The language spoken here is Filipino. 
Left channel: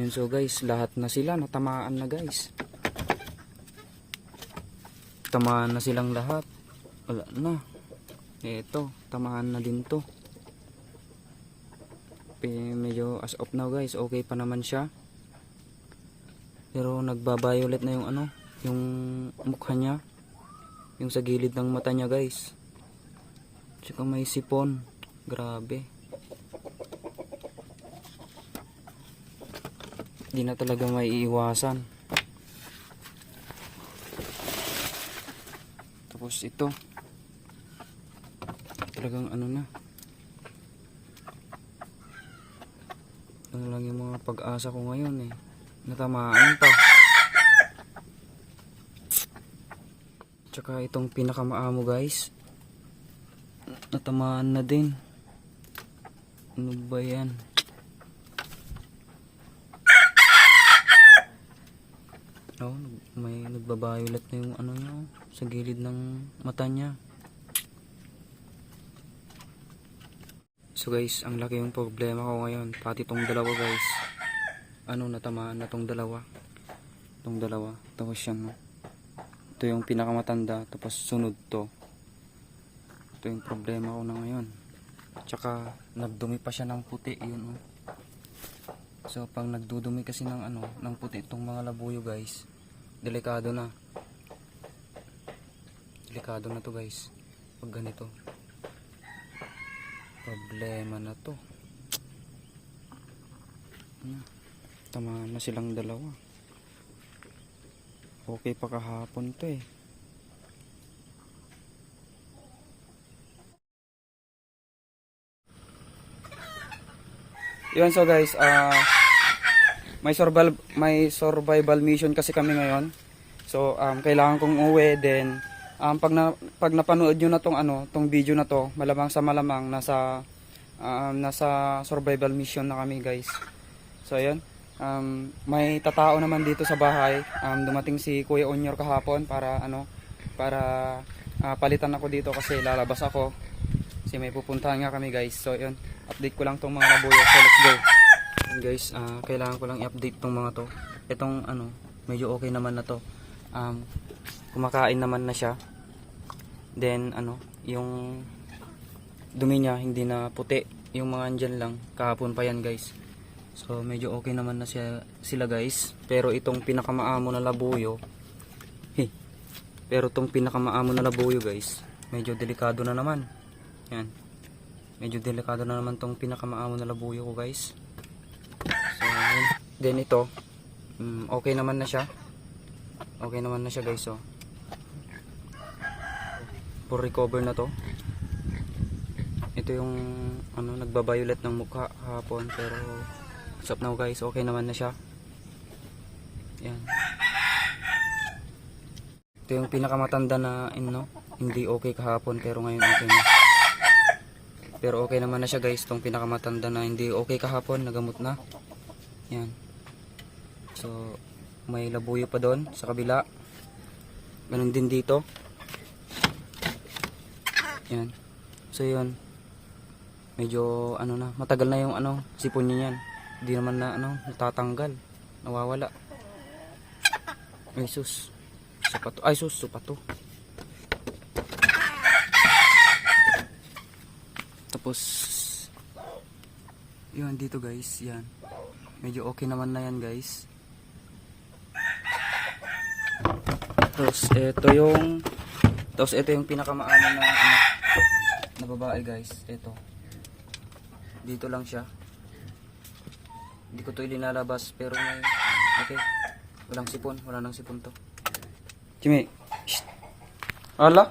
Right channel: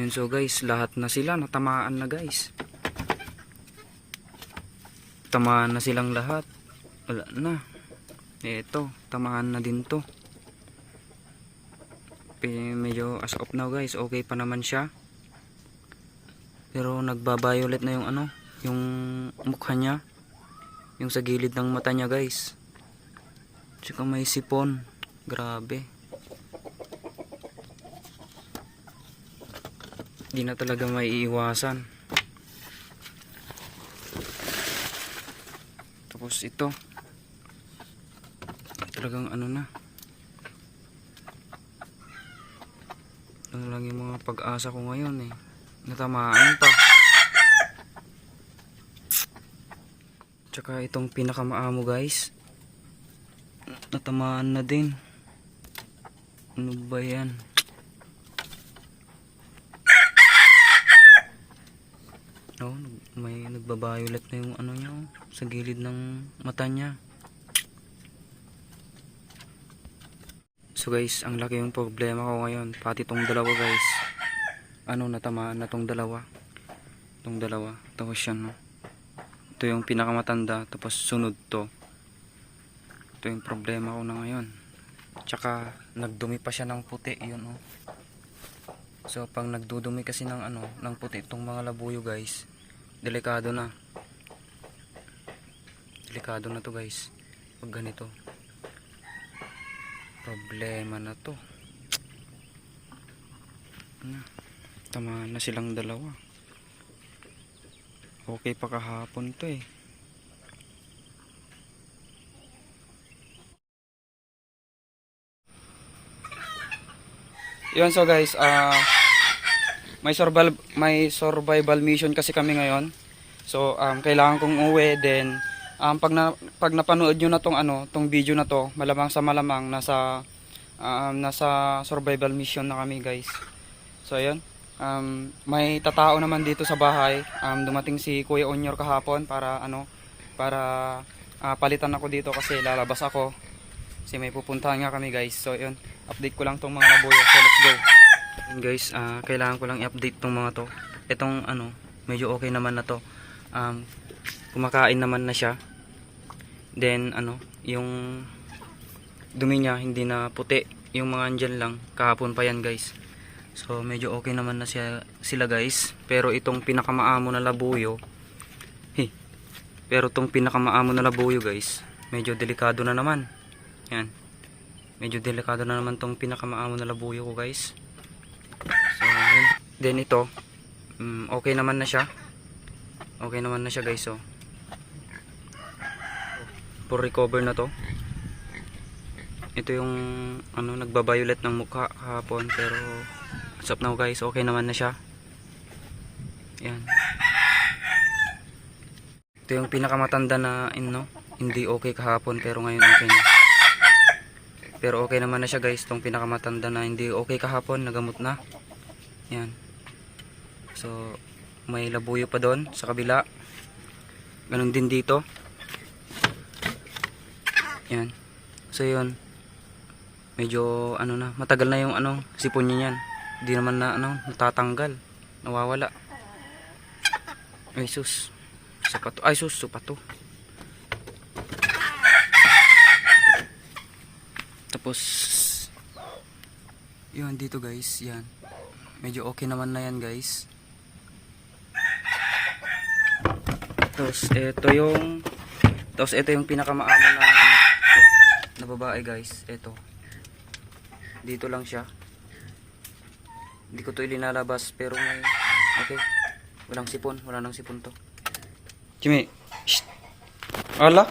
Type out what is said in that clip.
Yun, so guys, lahat na sila natamaan na guys. Tamaan na silang lahat. Wala na. Ito, tamaan na din to. Medyo as of now guys, okay pa naman siya. Pero nagba-violet na yung ano, yung mukha niya. Yung sa gilid ng mata niya guys. Tsaka may sipon. Grabe. Di na talaga may iiwasan. Tapos ito. Talagang ano na. Ano lang yung mga pag-asa ko ngayon eh. Natamaan pa. Tsaka itong pinakamaamo guys. Natamaan na din. Ano ba yan? Oh, may nagba-violet na yung ano niya, oh, sa gilid ng mata niya. So guys, ang laki yung problema ko ngayon. Pati tong dalawa guys. Ano, natamaan na tong dalawa. Tong dalawa. Tapos yan, no? Ito yung pinakamatanda. Tapos sunod to. Ito yung problema ko na ngayon. Tsaka nagdumi pa siya ng puti. Yun, oh. So pag nagdudumi kasi ng ano, ng puti itong mga labuyo guys, delikado na. Delikado na to guys. Pag ganito. Problema na to. Tamaan na silang dalawa. Okay pa kahapon to eh. Yun, so guys, may survival mission kasi kami ngayon. So kailangan kong uwi, then pag napanood niyo na tong video na to, malamang sa malamang nasa survival mission na kami guys. So ayun, may tatao naman dito sa bahay. Dumating si Kuya Onyor kahapon para palitan ako dito kasi lalabas ako. Kasi may pupuntahan nga kami guys. So yun, update ko lang tong mga labuyo. So let's go. And guys, kailangan ko lang i-update tong mga to. Itong medyo okay naman na to. Kumakain naman na siya. Then yung dumi niya hindi na puti. Yung mga andyan lang, kahapon pa yan guys. So medyo okay naman na sila guys. Pero itong pinakamaamo na labuyo, guys, medyo delikado na naman. Yan. Medyo delikado na naman tong pinakamaamo na labuyo ko guys. So yun. Then ito, okay naman na siya. Okay naman na siya guys. So for recover na to. Ito yung nagba-violet ng mukha kahapon, pero as of now guys, okay naman na siya. Yan. Ito yung pinakamatanda na hindi okay kahapon, pero ngayon okay na. Pero okay naman na siya guys. Itong pinakamatanda na hindi okay kahapon, nagamot na. Yan. So may labuyo pa doon sa kabila. Ganun din dito. Yan. So yun, medyo matagal na yung sipon niya yan. Hindi naman na natatanggal, nawawala. Ay sus, sapato. Ay sus, sapato. Tapos yun dito guys, yan. Medyo okay naman na yan guys. Tapos ito yung pinakamaamo na babae guys. Ito. Dito lang siya. Hindi ko to ilinalabas pero may okay. Walang sipon, wala nang sipon to. Jimmy. Shh. Ala.